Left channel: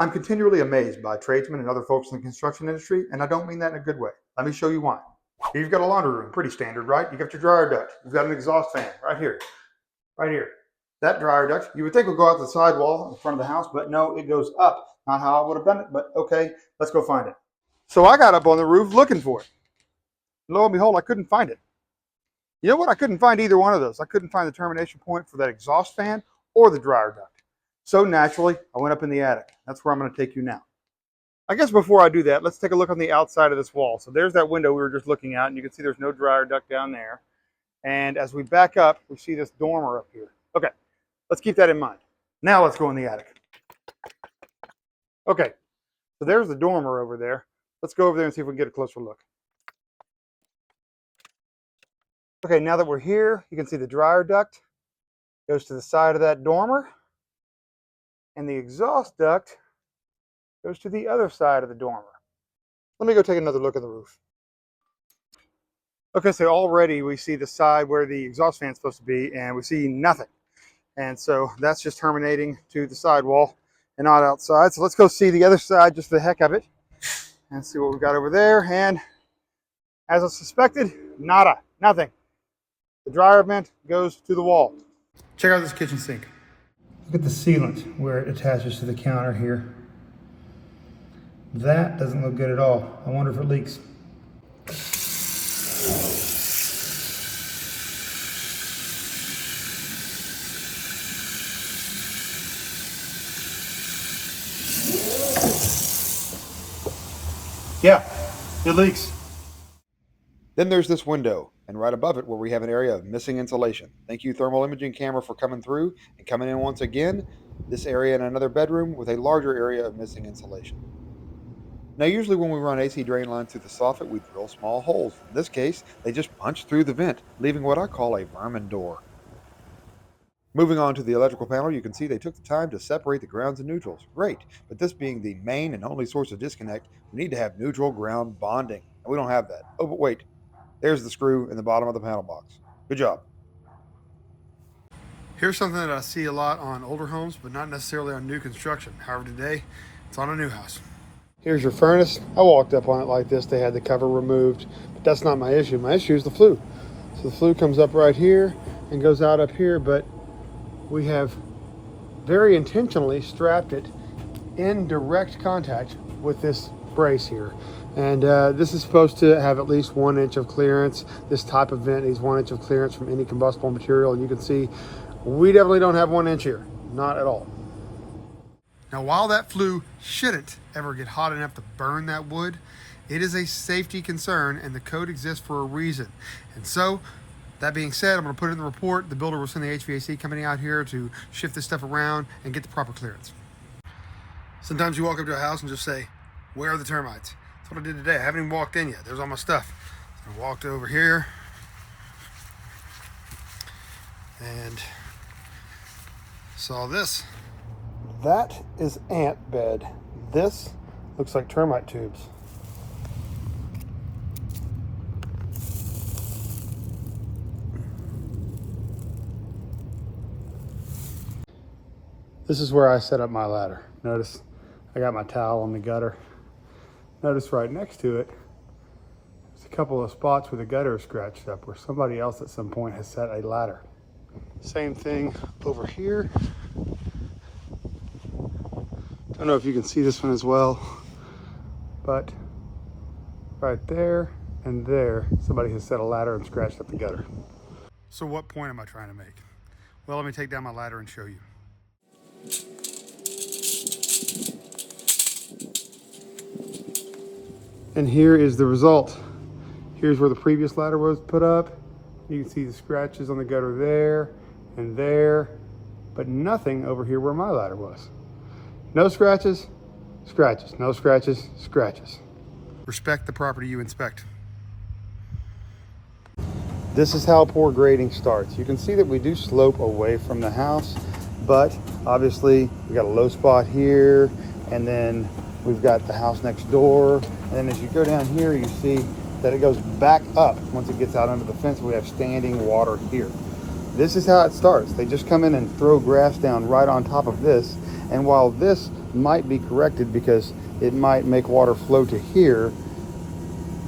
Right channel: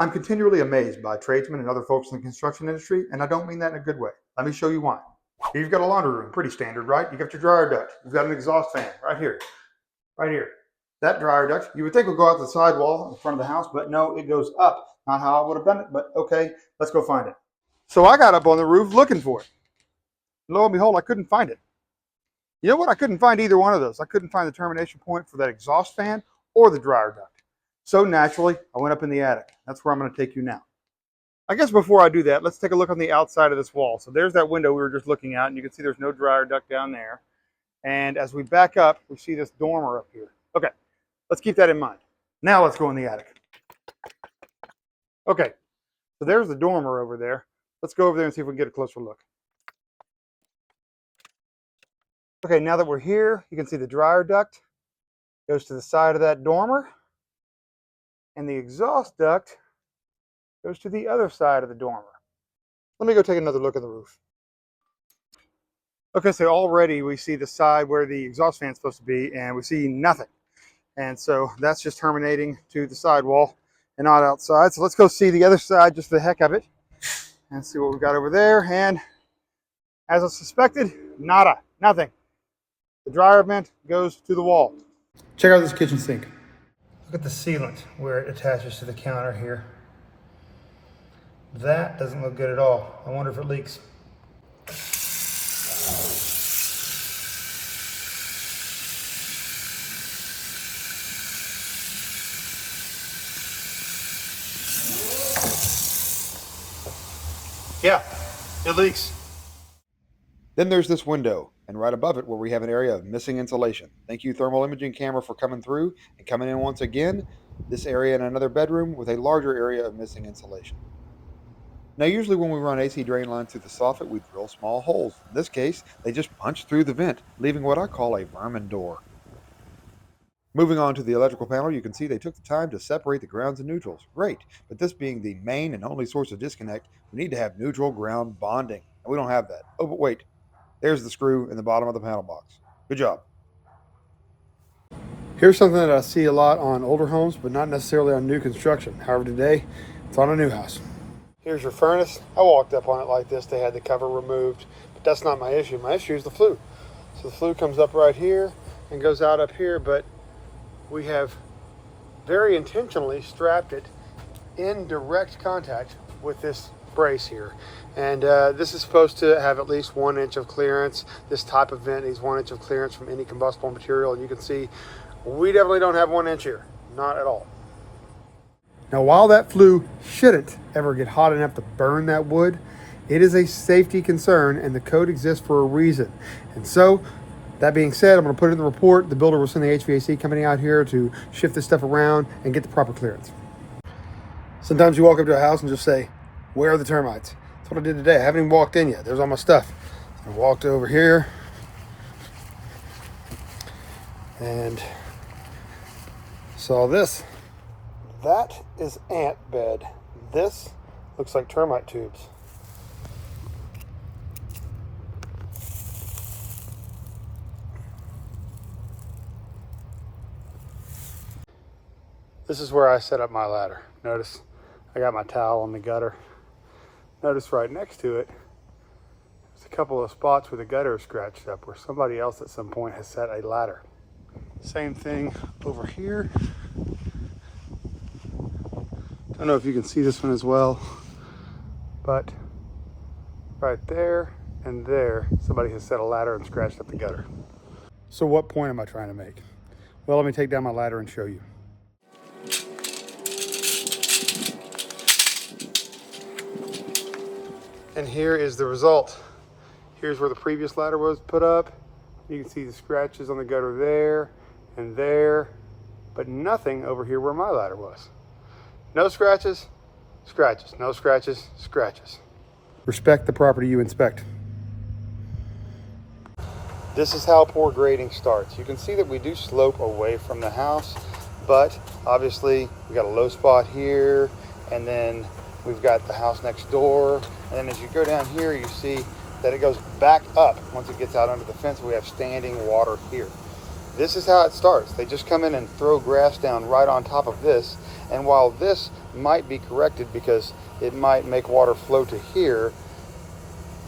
I'm continually amazed by tradesmen and other folks in the construction industry, and I don't mean that in a good way. Let me show you why. Here you've got a laundry room, pretty standard, right? You've got your dryer duct, you've got an exhaust fan right here, right here. That dryer duct, you would think would go out the sidewall in front of the house, but no, it goes up. Not how I would have done it, but okay, let's go find it. So I got up on the roof looking for it. Lo and behold, I couldn't find it. You know what? I couldn't find either one of those. I couldn't find the termination point for that exhaust fan or the dryer duct. So naturally, I went up in the attic. That's where I'm going to take you now. I guess before I do that, let's take a look on the outside of this wall. So there's that window we were just looking at, and you can see there's no dryer duct down there. And as we back up, we see this dormer up here. Okay, let's keep that in mind. Now let's go in the attic. Okay, so there's the dormer over there. Let's go over there and see if we can get a closer look. Okay, now that we're here, you can see the dryer duct goes to the side of that dormer, and the exhaust duct goes to the other side of the dormer. Let me go take another look at the roof. Okay, so already we see the side where the exhaust fan is supposed to be, and we see nothing. And so that's just terminating to the sidewall and not outside. So let's go see the other side just for the heck of it and see what we got over there. And as I suspected, nada, nothing. The dryer vent goes to the wall. Check out this kitchen sink. Look at the sealant where it attaches to the counter here. That doesn't look good at all. I wonder if it leaks. Yeah, it leaks. Then there's this window, and right above it where we have an area of missing insulation. Thank you, thermal imaging camera, for coming through and coming in once again. This area in another bedroom with a larger area of missing insulation. Now, usually when we run AC drain lines through the soffit, we drill small holes. In this case, they just punch through the vent, leaving what I call a vermin door. Moving on to the electrical panel, you can see they took the time to separate the grounds and neutrals. Great, but this being the main and only source of disconnect, we need to have neutral ground bonding, and we don't have that. Oh, but wait, there's the screw in the bottom of the panel box. Good job. Here's something that I see a lot on older homes, but not necessarily on new construction. However, today, it's on a new house. Here's your furnace. I walked up on it like this. They had the cover removed. That's not my issue. My issue is the flue. So the flue comes up right here and goes out up here, but we have very intentionally strapped it in direct contact with this brace here. And this is supposed to have at least 1 inch of clearance. This type of vent needs 1 inch of clearance from any combustible material. And you can see we definitely don't have 1 inch here, not at all. Now, while that flue shouldn't ever get hot enough to burn that wood, it is a safety concern, and the code exists for a reason. And so, that being said, I'm going to put it in the report. The builder will send the HVAC company out here to shift this stuff around and get the proper clearance. Sometimes you walk up to a house and just say, where are the termites? That's what I did today. I haven't even walked in yet. There's all my stuff. I walked over here and saw this. That is ant bed. This looks like termite tubes. This is where I set up my ladder. Notice I got my towel on the gutter. Notice right next to it, there's a couple of spots where the gutter is scratched up, where somebody else at some point has set a ladder. Same thing over here. Don't know if you can see this one as well, but right there and there, somebody has set a ladder and scratched up the gutter. So what point am I trying to make? Well, let me take down my ladder and show you. And here is the result. Here's where the previous ladder was put up. You can see the scratches on the gutter there and there, but nothing over here where my ladder was. No scratches, scratches, no scratches, scratches. Respect the property you inspect. This is how poor grading starts. You can see that we do slope away from the house, but obviously we got a low spot here, and then we've got the house next door. And as you go down here, you see that it goes back up once it gets out under the fence. We have standing water here. This is how it starts. They just come in and throw grass down right on top of this. And while this might be corrected because it might make water flow to here,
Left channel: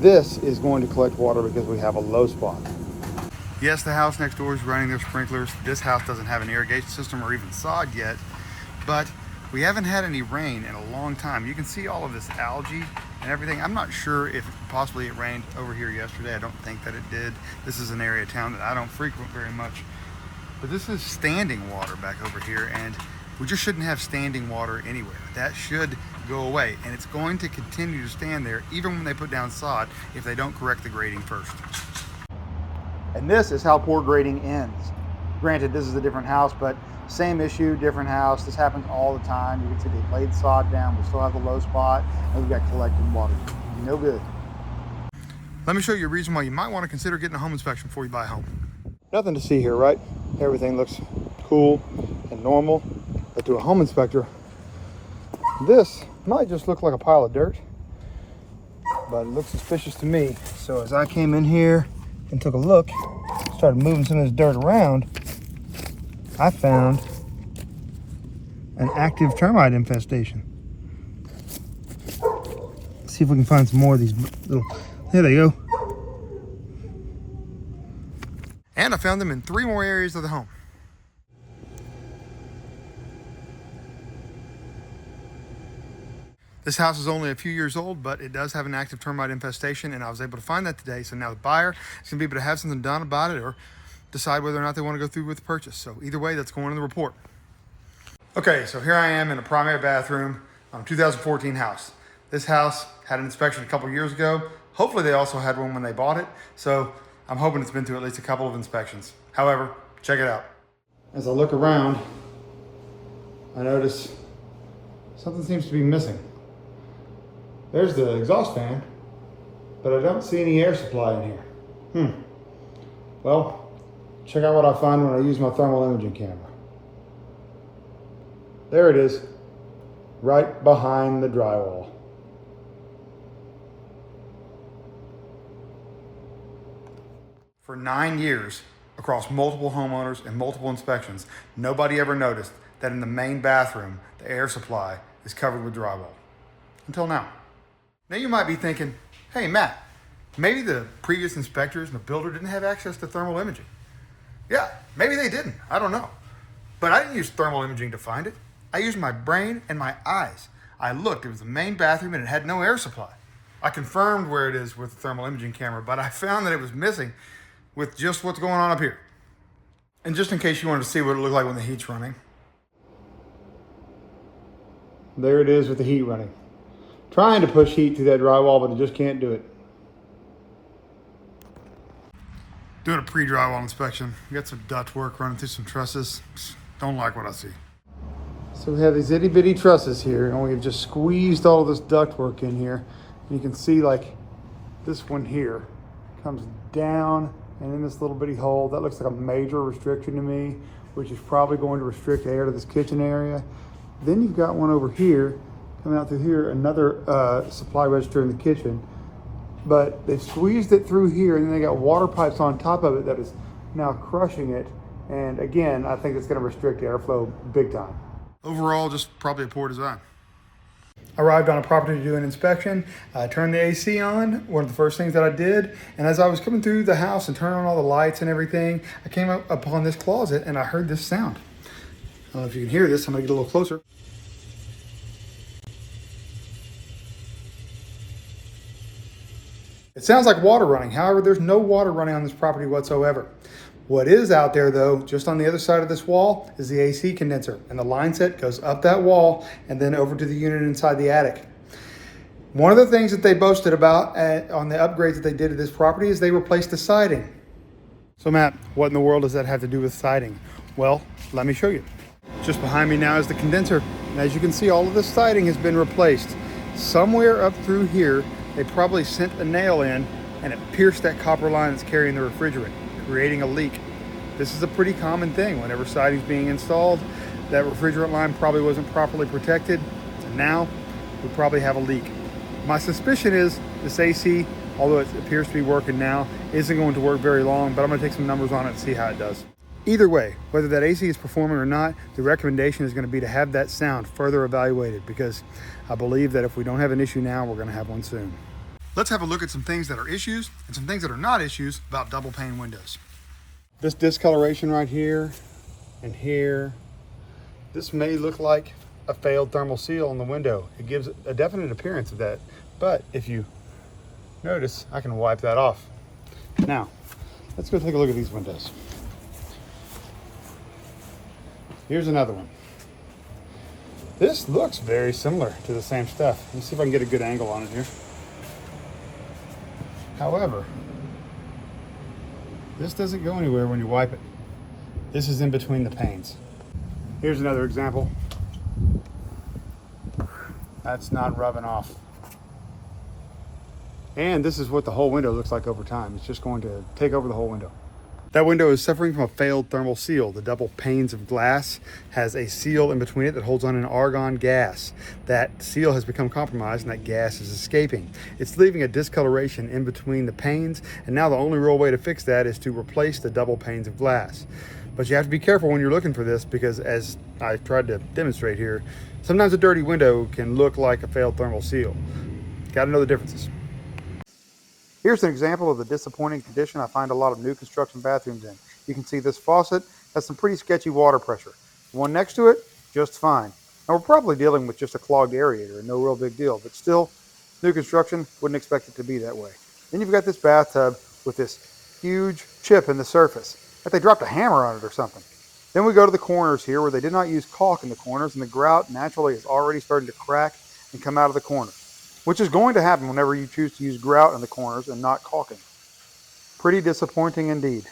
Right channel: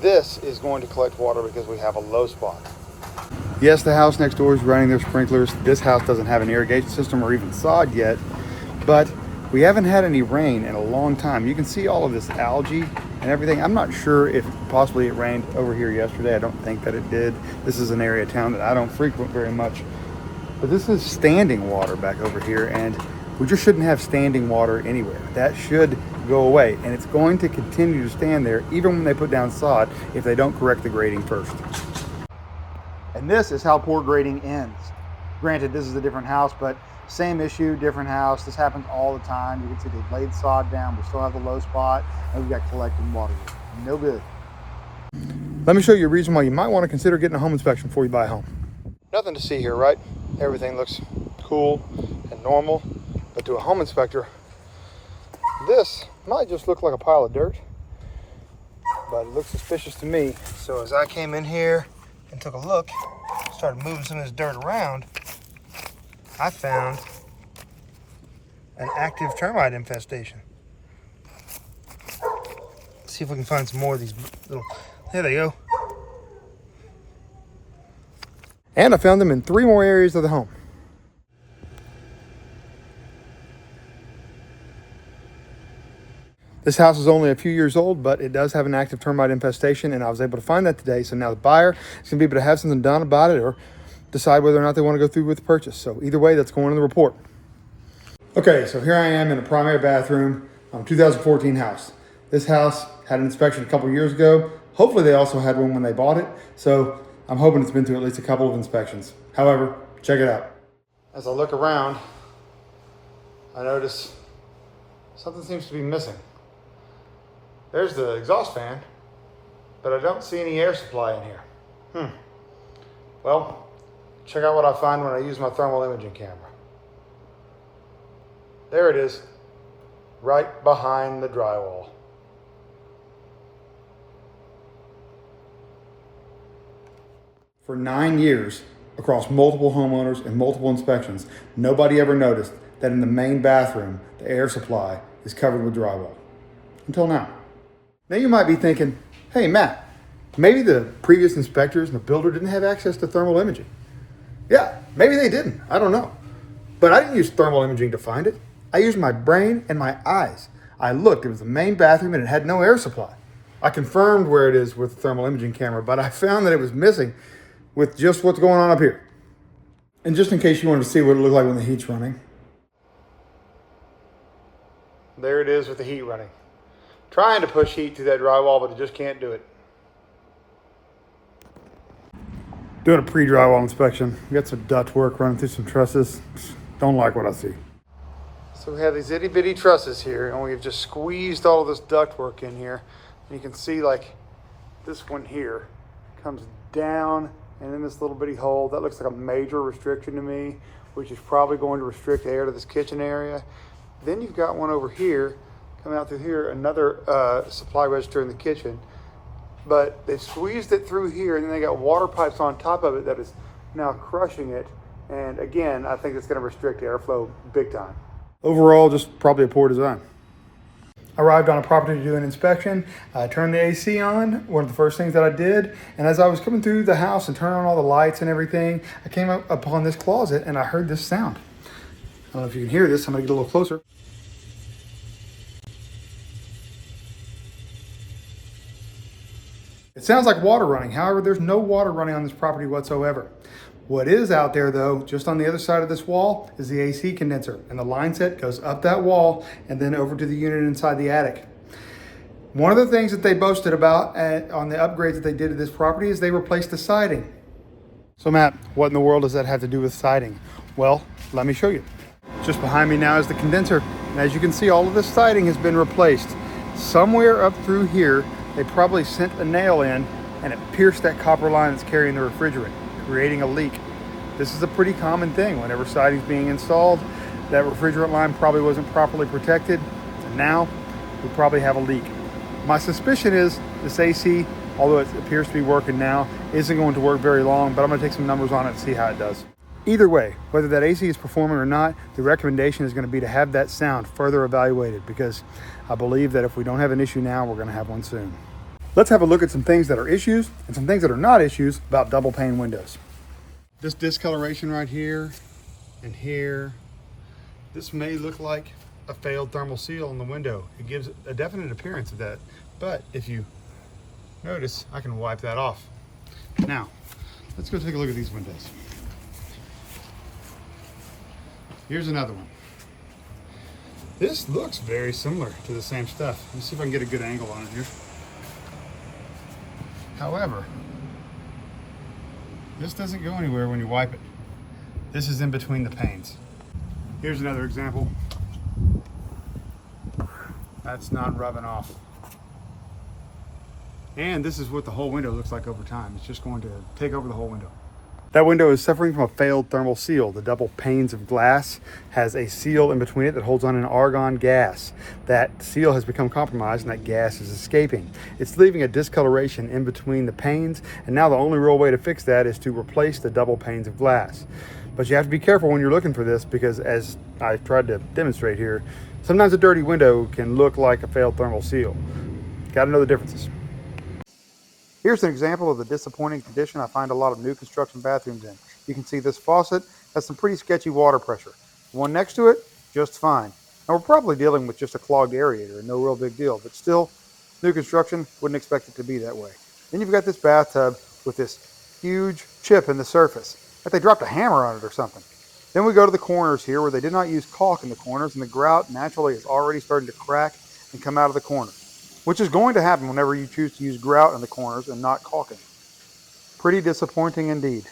this is going to collect water because we have a low spot. Yes, the house next door is running their sprinklers. This house doesn't have an irrigation system or even sod yet, but we haven't had any rain in a long time. You can see all of this algae and everything. I'm not sure if possibly it rained over here yesterday. I don't think that it did. This is an area of town that I don't frequent very much. But this is standing water back over here, and we just shouldn't have standing water anywhere. That should go away, and it's going to continue to stand there even when they put down sod if they don't correct the grading first. And this is how poor grading ends. Granted, this is a different house, but same issue, different house. This happens all the time. You can see they laid sod down. We still have the low spot, and we've got collected water. No good. Let me show you a reason why you might want to consider getting a home inspection before you buy a home. Nothing to see here, right? Everything looks cool and normal, but to a home inspector, this might just look like a pile of dirt, but it looks suspicious to me. So as I came in here and took a look, started moving some of this dirt around, I found an active termite infestation. Let's see if we can find some more of these little, there they go. And I found them in 3 more areas of the home. This house is only a few years old, but it does have an active termite infestation, and I was able to find that today. So now the buyer is going to be able to have something done about it or decide whether or not they want to go through with the purchase. So either way, that's going in the report. Okay, so here I am in a primary bathroom, 2014 house. This house had an inspection a couple years ago. Hopefully they also had one when they bought it. So I'm hoping it's been through at least a couple of inspections. However, check it out. As I look around, I notice something seems to be missing. There's the exhaust fan, but I don't see any air supply in here. Well, check out what I find when I use my thermal imaging camera. There it is, right behind the drywall. For 9 years, across multiple homeowners and multiple inspections, nobody ever noticed that in the main bathroom, the air supply is covered with drywall. Until now. Now you might be thinking, hey Matt, maybe the previous inspectors and the builder didn't have access to thermal imaging. Yeah, maybe they didn't, I don't know. But I didn't use thermal imaging to find it. I used my brain and my eyes. I looked, it was the main bathroom and it had no air supply. I confirmed where it is with the thermal imaging camera, but I found that it was missing with just what's going on up here. And just in case you wanted to see what it looked like when the heat's running. There it is with the heat running. Trying to push heat through that drywall, but I just can't do it. Doing a pre-drywall inspection. We got some duct work running through some trusses. Don't like what I see. So we have these itty bitty trusses here, and we've just squeezed all this duct work in here. And you can see like this one here comes down and in this little bitty hole. That looks like a major restriction to me, which is probably going to restrict air to this kitchen area. Then you've got one over here, coming out through here, another supply register in the kitchen. But they squeezed it through here, and then they got water pipes on top of it that is now crushing it. And again, I think it's gonna restrict airflow big time. Overall, just probably a poor design. Arrived on a property to do an inspection. I turned the AC on, one of the first things that I did. And as I was coming through the house and turning on all the lights and everything, I came up upon this closet and I heard this sound. I don't know if you can hear this, I'm gonna get a little closer. It sounds like water running. However, there's no water running on this property whatsoever. What is out there though, just on the other side of this wall, is the AC condenser. And the line set goes up that wall and then over to the unit inside the attic. One of the things that they boasted about on the upgrades that they did to this property is they replaced the siding. So Matt, what in the world does that have to do with siding? Well, let me show you. Just behind me now is the condenser. And as you can see, all of this siding has been replaced. Somewhere up through here, they probably sent a nail in and it pierced that copper line that's carrying the refrigerant, creating a leak. This is a pretty common thing. Whenever siding's being installed, that refrigerant line probably wasn't properly protected, and now we probably have a leak. My suspicion is this AC, although it appears to be working now, isn't going to work very long, but I'm gonna take some numbers on it and see how it does. Either way, whether that AC is performing or not, the recommendation is going to be to have that sound further evaluated, because I believe that if we don't have an issue now, we're going to have one soon. Let's have a look at some things that are issues and some things that are not issues about double pane windows. This discoloration right here and here, this may look like a failed thermal seal on the window. It gives a definite appearance of that, but if you notice, I can wipe that off. Now, let's go take a look at these windows. Here's another one. This looks very similar to the same stuff. Let's see if I can get a good angle on it here. However, this doesn't go anywhere when you wipe it. This is in between the panes. Here's another example. That's not rubbing off. And this is what the whole window looks like over time. It's just going to take over the whole window. That window is suffering from a failed thermal seal. The double panes of glass has a seal in between it that holds on an argon gas. That seal has become compromised and that gas is escaping. It's leaving a discoloration in between the panes, and now the only real way to fix that is to replace the double panes of glass. But you have to be careful when you're looking for this, because as I tried to demonstrate here, sometimes a dirty window can look like a failed thermal seal. Got to know the differences. Here's an example of the disappointing condition I find a lot of new construction bathrooms in. You can see this faucet has some pretty sketchy water pressure. The one next to it, just fine. Now we're probably dealing with just a clogged aerator, no real big deal, but still, new construction, wouldn't expect it to be that way. Then you've got this bathtub with this huge chip in the surface, like they dropped a hammer on it or something. Then we go to the corners here where they did not use caulk in the corners, and the grout naturally is already starting to crack and come out of the corners, which is going to happen whenever you choose to use grout in the corners and not caulking. Pretty disappointing indeed.